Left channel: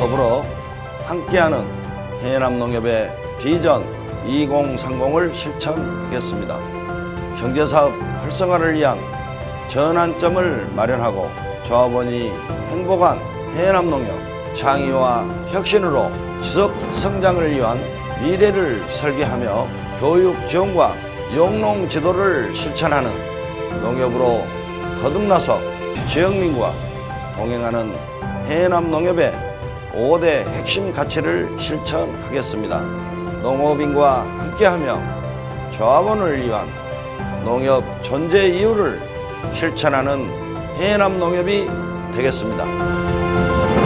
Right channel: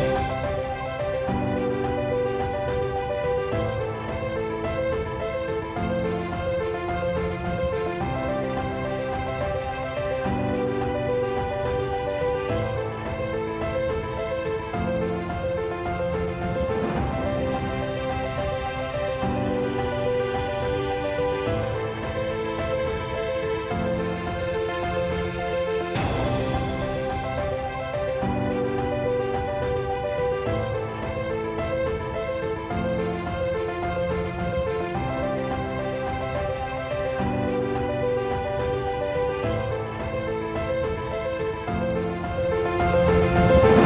더불어 함께하는 해남 농협의 비전 2030을 실천하겠습니다. 경제사업 활성화를 위한 전환점을 마련하고 조합원이 행복한 해남 농협 창의와 혁신으로 지속 성장을 위한 미래를 설계하며 교육 지원과 영농 지도를 실천하는 농협으로 거듭나서 지역민과 동행하는 해남 농협의 5대 핵심 가치를 실천하겠습니다. 농업인과 함께하며 조합원을 위한 농협 존재 이유를 실천하는 해남 농협이 되겠습니다.